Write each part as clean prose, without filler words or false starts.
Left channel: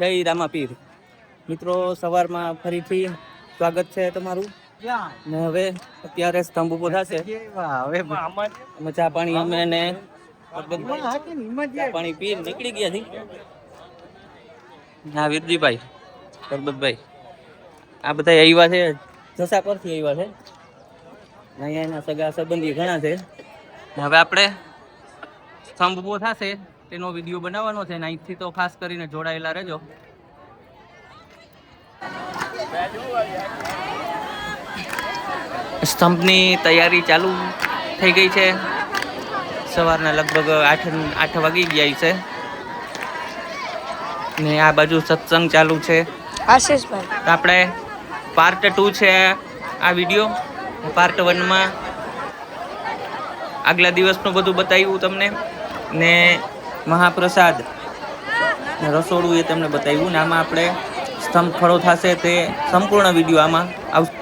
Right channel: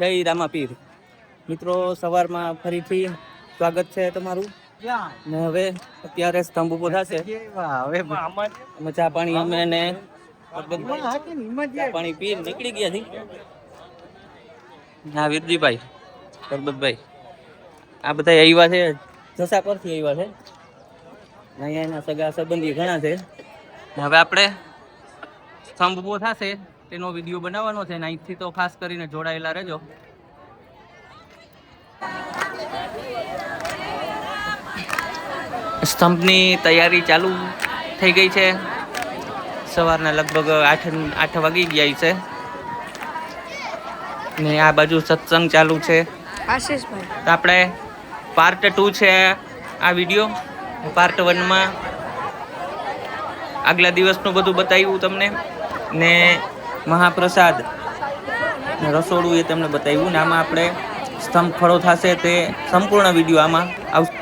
જય રામાપીર મિત્રો, સવારમાં ફરીથી સ્વાગત છે તમારું. ને હવે અત્યારે સ્તંભ ઉભો થશે. અમે ચા પાણી અમે ને પાણી પી નીકળી ગયા છે. હા વીરજીભાઈ, સરબતભાઈ, આ બધા આવ્યા છે, જસા પરથી આવ્યા છે. અહીંયા એના સગા સંબંધી ઘણા છે. હવે આપણે સ્તંભ ઉભો થશે તેનો વિડીયો બનાવવાનો છે ને અહીંથી તો ખાસ કરીને જોડાયેલા રહેજો. સ્તંભની તૈયારી ચાલુ થઈ ગઈ છે. સવારના લગભગ 8 વાગી ગયા છે ને આ બાજુ સત્સંગ ચાલુ છે. આશીષભાઈ, તો આપણે પાર્ટ 2 છે આ વિડીયો. પાર્ટ 1 માં આગલા દિવસનું બધું બતાવ્યું તમને ને મહાપ્રસાદ રસોડું એ તમને બતાવ્યું ને આમાં આપણે સ્તંભ ખડો થશે તે સંપૂર્ણ વિડીયો આમાં આવશે.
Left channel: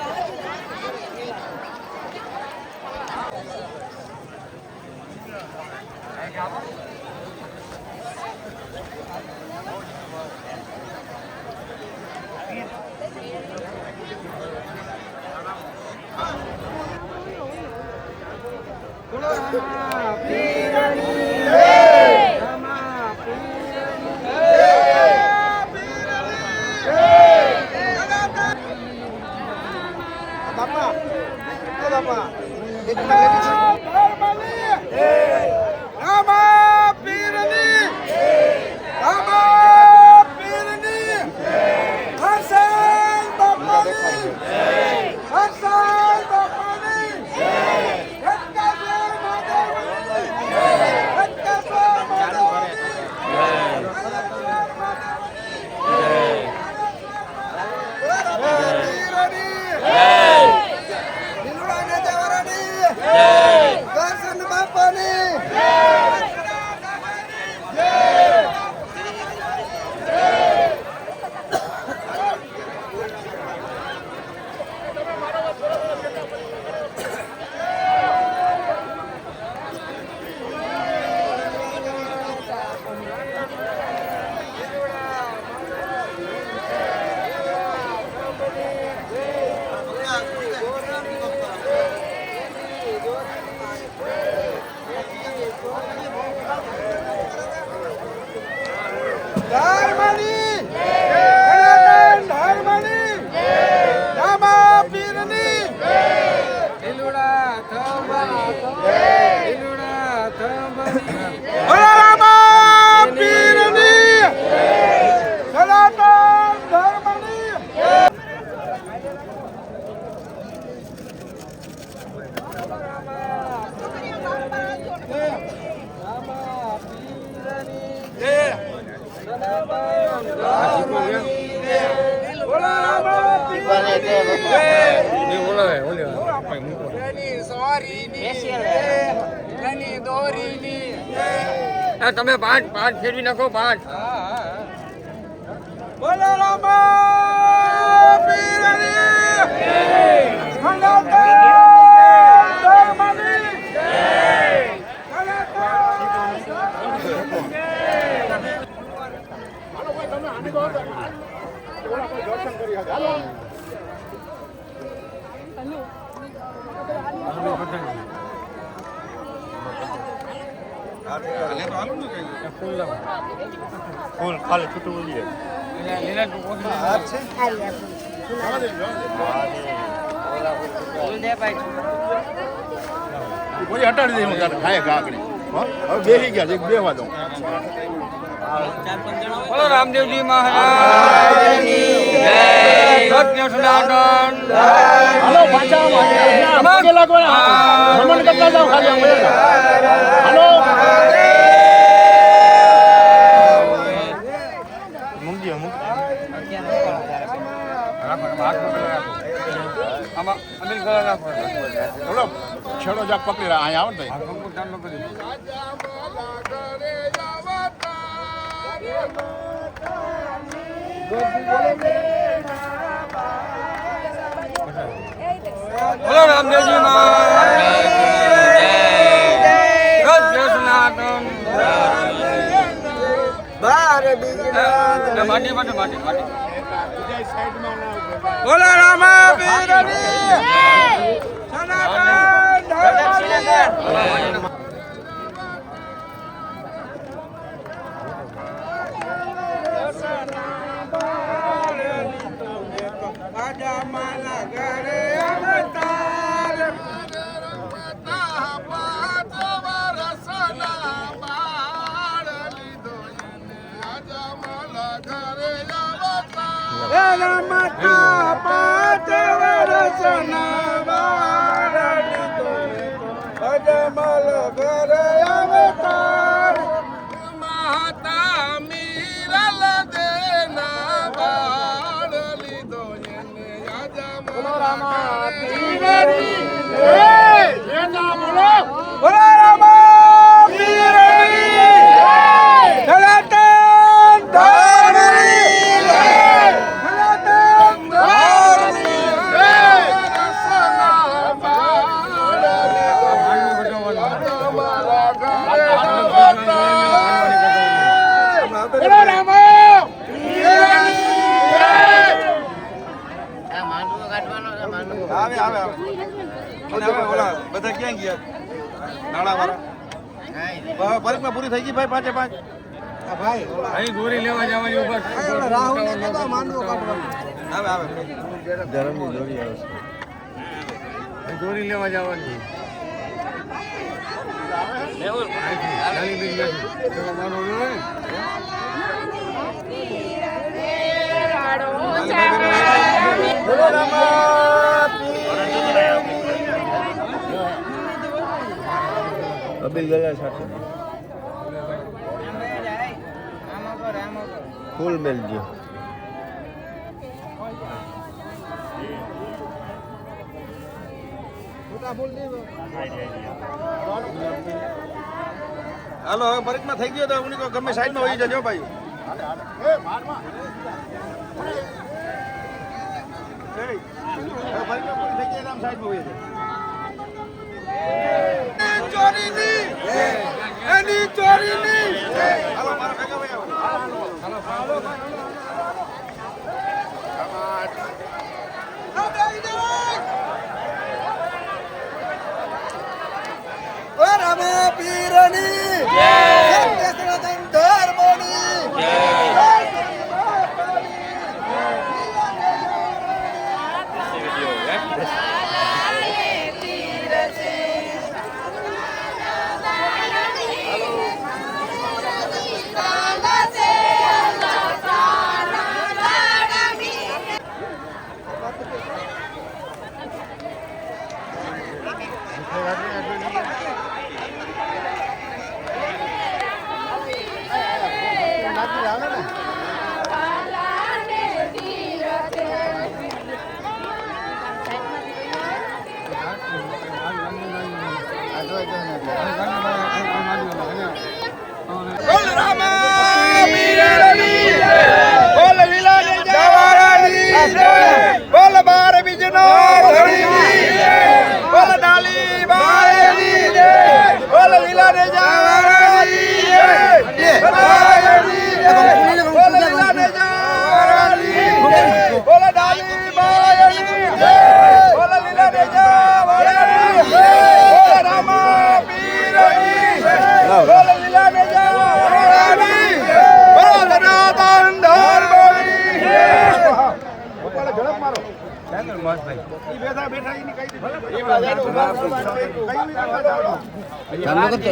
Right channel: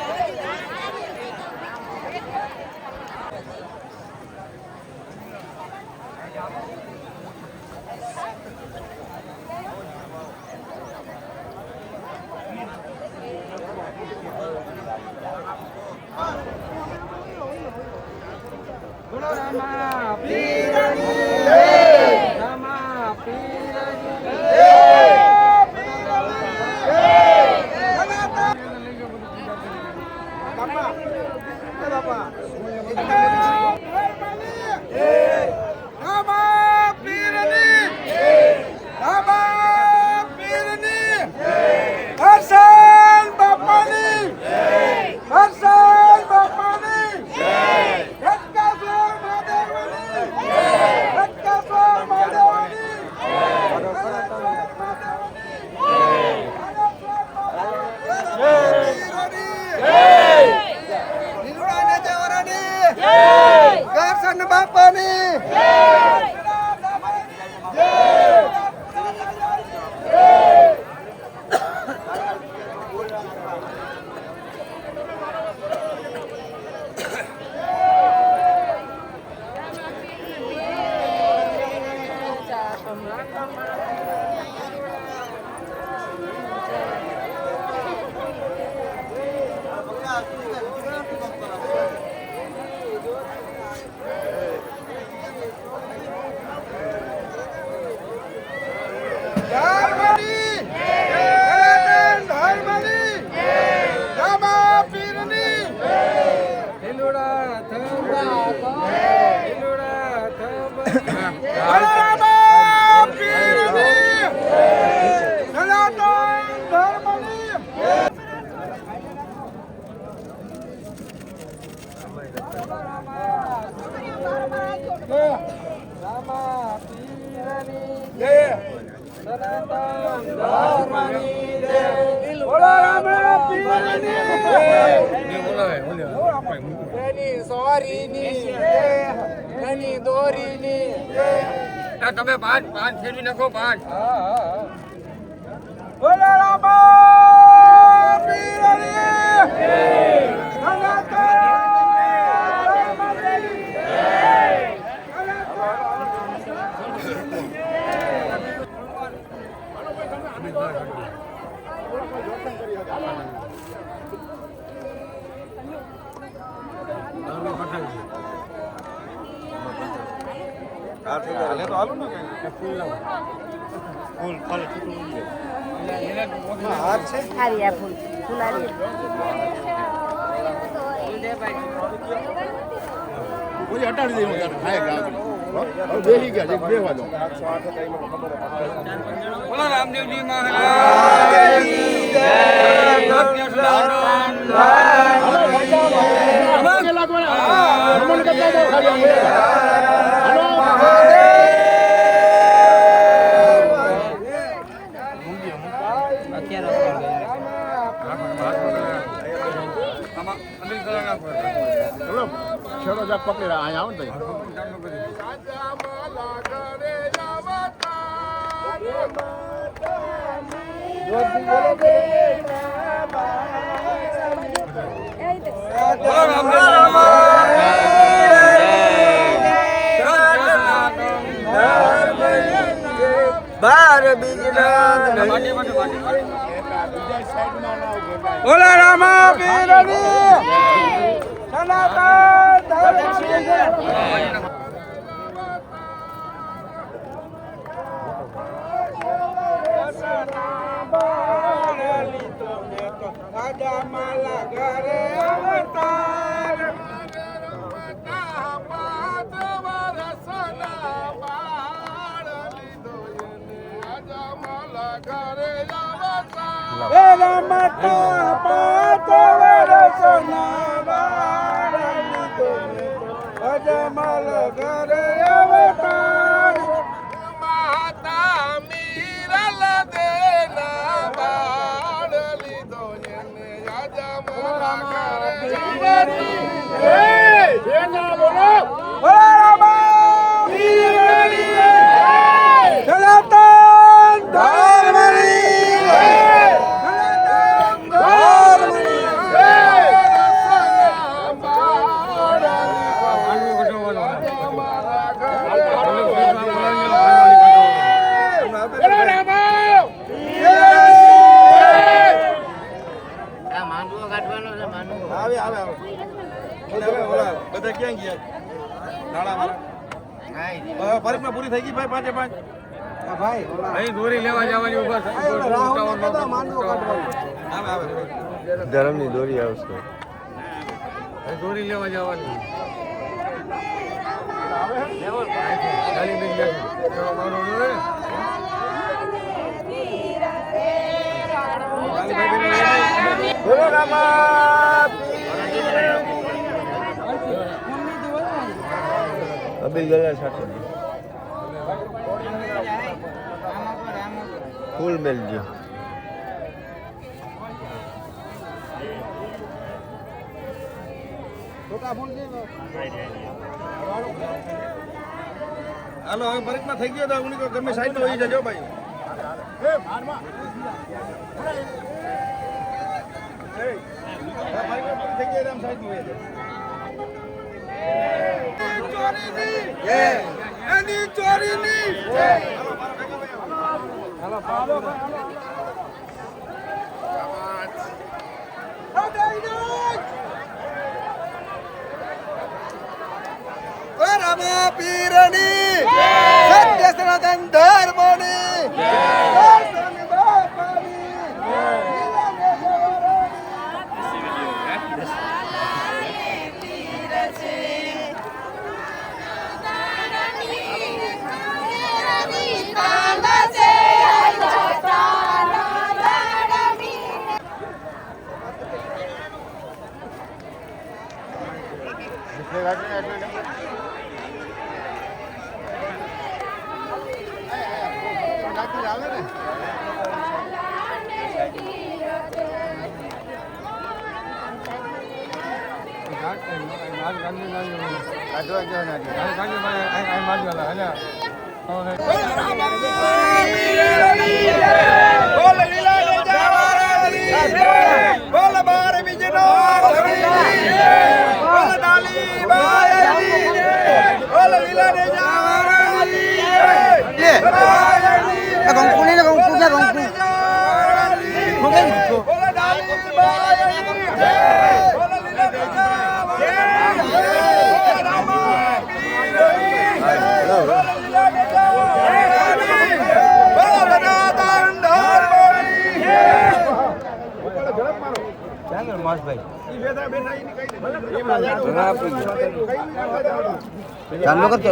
તમે પાઠ ફેરવી નાખો. પાઠ હાલે તો હાલું ને કઈ ફૂલ લાવ. ફૂલ ખાલી છૂટું ઉડી જાય. કોઈ હટાડી દે ખાય કાકડી. હવે બેસી ગયા બે વાદો. બોલો રામદેવજી મહારાજની જય. સત્ય સનાતન. હાલો પાછા કે લાગવાના ભ્રમણ કરતા જાવ ખાલી અમે. હાલો બોલો છેડો જાક પકડી રહ્યા અહીંયા આવો ને બોલો રામદેવજી મહારાજ જય. બોલા રામા પીરની સનાતન ધર્મની જય. રાજા માલા ઘરે અવતાર એના માતા 5 વર્ષના બાળ લીધો અજમલ ઘરે અવતાર માતા મીરલ દેના બાળ લીધો બોલો રામા પીરની જય જેના બોલો બોલો રામા પીરની જય સનાતન ધર્મની જય સનાતન ધર્મની જય બોલો રામા આવે આવે આવે અને હવે ઓલા બધા ક્યાં ગયા નાળા વાળા પરીક્ષા પૂરી થઈ ગઈ ભાઈ 5 ભાઈ અહીં દોરી લેવા જવાની ઉપર આવે આવે ધર્મની દોરી આવશે અહીં દોરી લેવા જવાની લેવલ ખાલી બિન ગયા તો મારો જોઈ બોલો રામા અબિલ ગલા સાથે ફૂલ મેલજો હાલો હવે પરીક્ષા થઈ ગયો તો ઉની ગમે સાઈડ નો હોઈ જજો ભાઈ રામા પીરની સત્ય સનાતન ધર્મની જય. ચાલો કરતો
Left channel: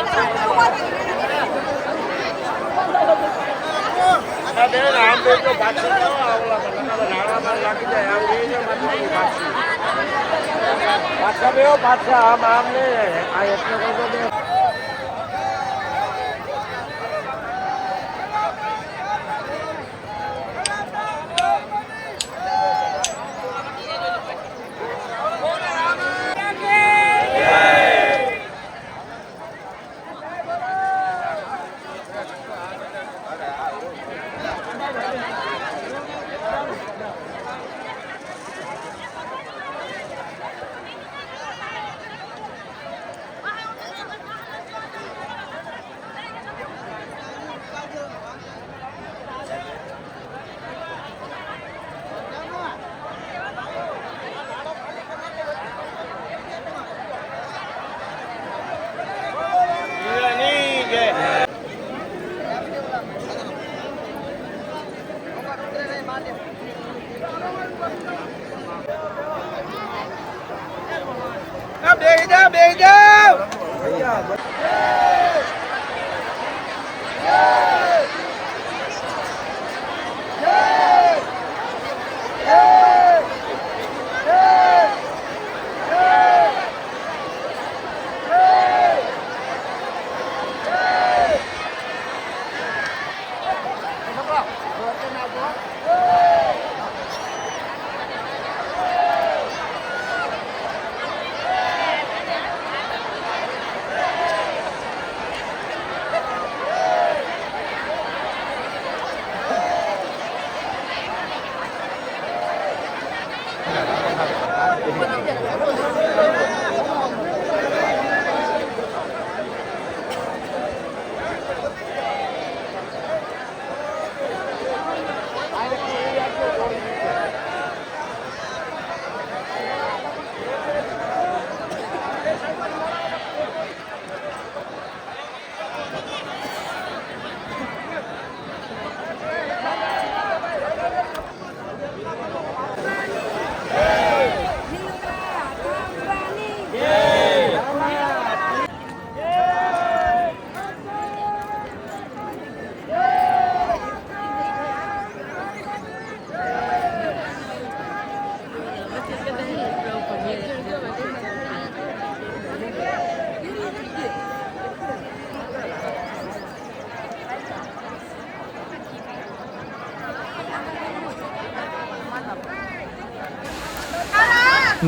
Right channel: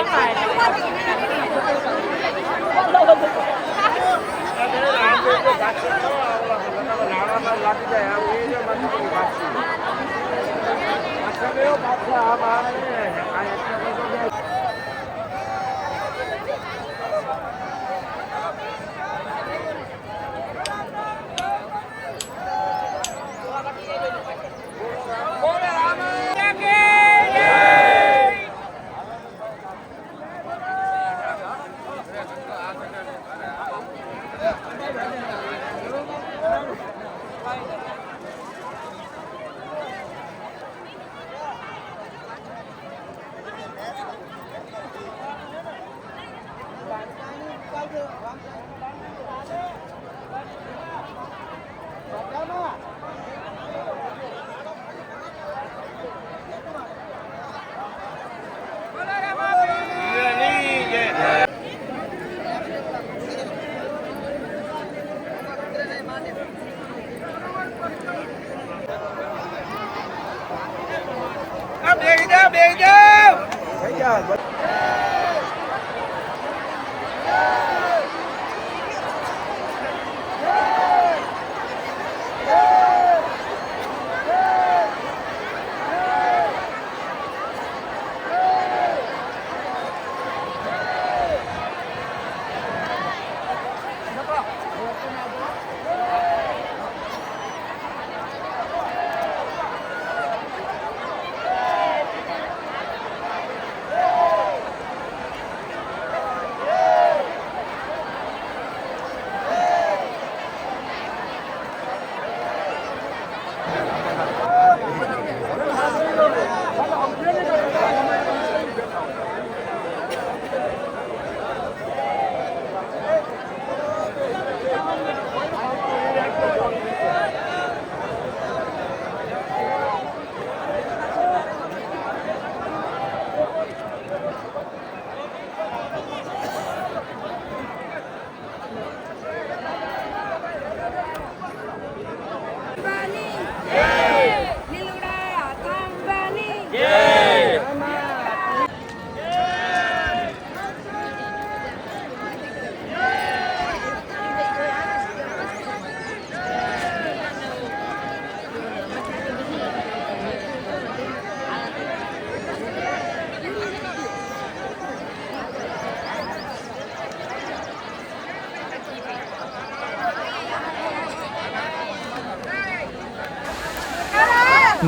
Bye.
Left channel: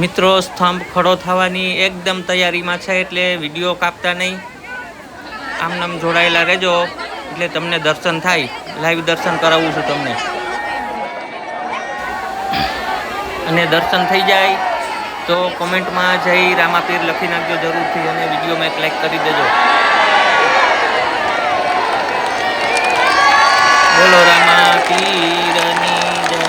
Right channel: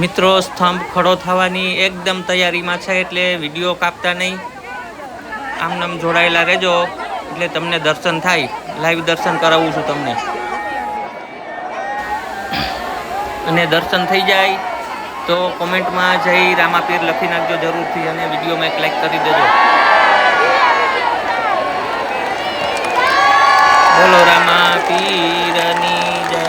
મિત્રો સ્તંભ ખડો થવાની એકદમ તૈયારીમાં છે, એટલે વિડીયો કાપતા નહીં, આમનામ જોડાયેલા રહેજો એટલે તમને દર્શન થાય. લાઈવ દર્શન કરાવું છું તમને, અને દર્શન થઈ જાય તો કોમેન્ટમાં જય રામાપીર લખી નાખજો જરૂરથી, અને વિડીયોમાં એક લાઈક કરી દેજો. બોલો રામાપીરની જય.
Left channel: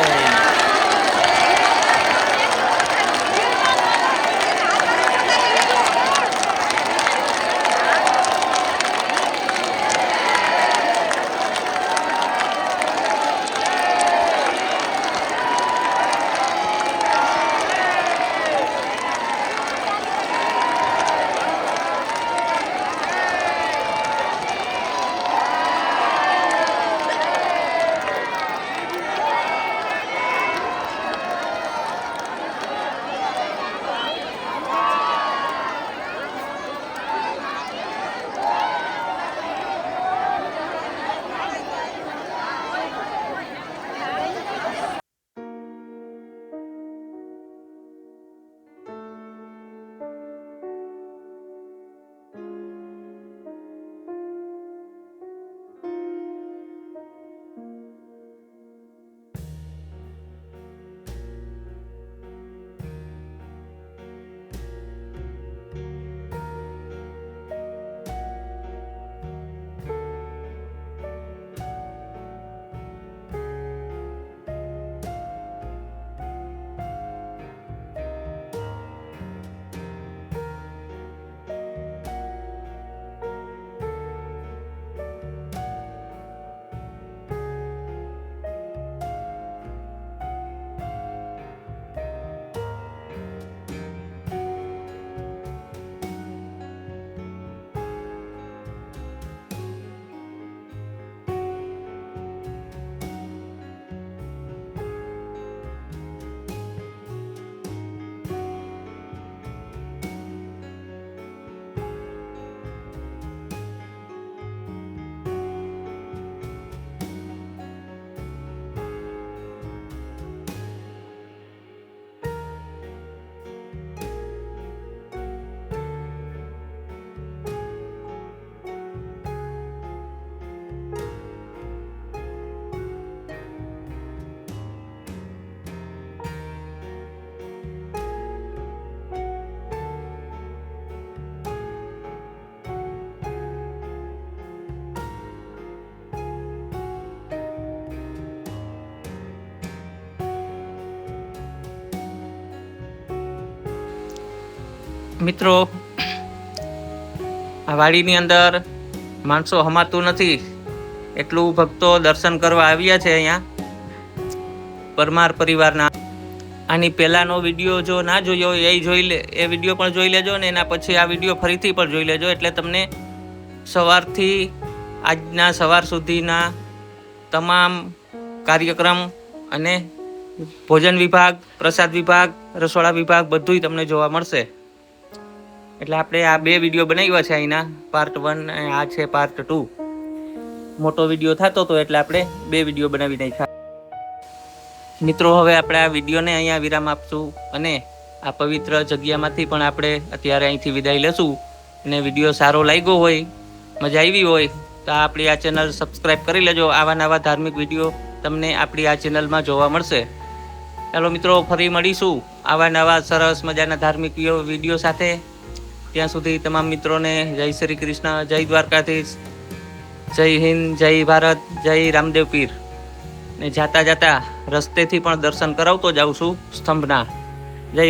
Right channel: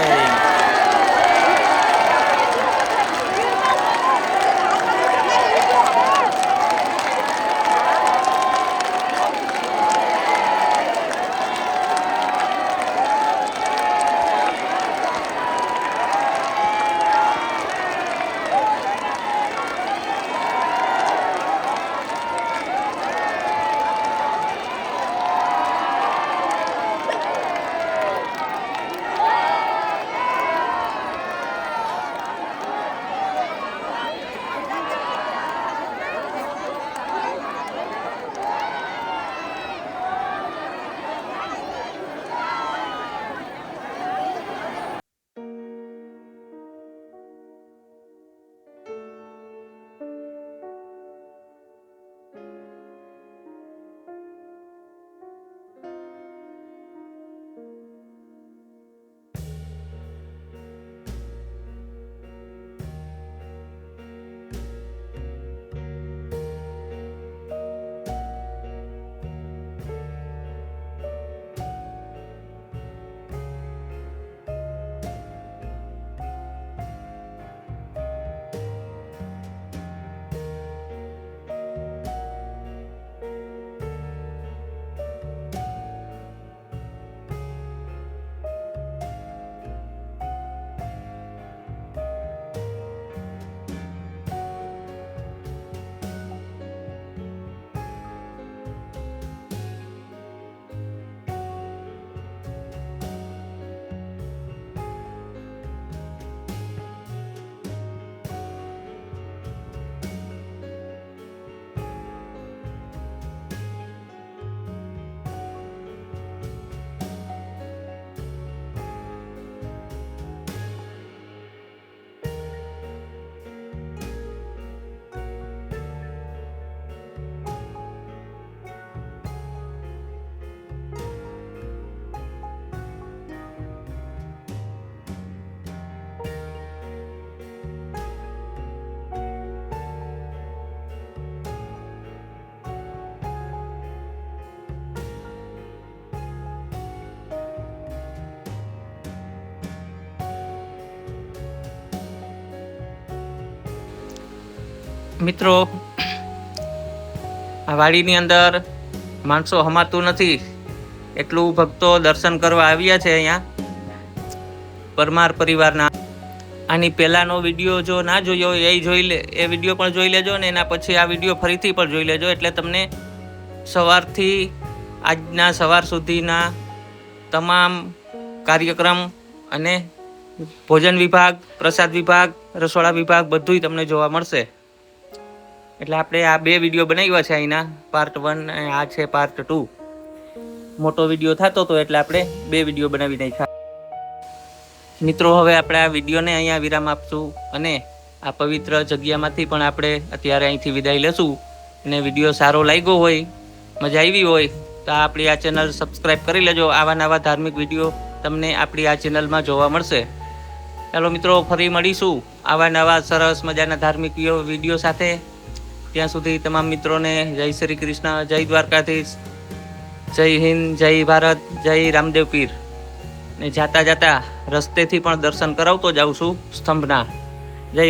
મિત્રો આ વાડીની અંદર માણસો હમાતું નથી એટલું ભક્તો દર્શન કરવા આવ્યા છે અહીંયા પરમાર પરિવારના. આની પહેલાનો વિડીયો જો ના જોયો એ જોઈ લે, એ વિડીયો પણ જોઈ લેજો ને એના પછી આ વિડીયો ફરીથી પણ જોઈ લેજો, એટલે તમને સવારથી આજના સવાર સુધીના તમામ કાર્યક્રમ અને ભોજન વિભાગ, પ્રસાદ વિભાગ, રસોડા વિભાગ બધુંય તમને જોવા મળશે. એટલે આપણે આ 2 વિડીયો બનાવ્યા છે અહીંના, પાર્ટ 1 અને આ છે પાર્ટ 2. મોટો વિડીયો થતો હતો એટલે આપણે 2 વિડીયો બનાવી નાખ્યા. મિત્રો હવે આપણે આ વિડીયોને અહીંયા વિરામ આપશું અને આ પવિત્ર જગ્યામાંથી પણ આપણે અત્યારે અહીંથી વિદાય લેશું. અને વિડીયો સારો લાગ્યો હોય, મજા આવી હોય તો આપણી આ ચેનલ સબસ્ક્રાઈબ કરી લેજો. આવા નવા ધાર્મિક વિડીયો તમને આપણી આ ચેનલમાં જોવા મળશે. ચાલો મિત્રો, ફરી મળીશું આવા નવા સરસ મજાના ધાર્મિક વિડીયો સાથે. ત્યાં સુધી તમામ મિત્રોને જય શ્રી કૃષ્ણ, જય દ્વારકાધીશ, જય હિન્દ, જય ભારત, જય રામદેવ પીર. ને જાતા જાતા રસ્તેથી પણ દર્શન કરાવતો જાઉં છું સ્તંભના. જય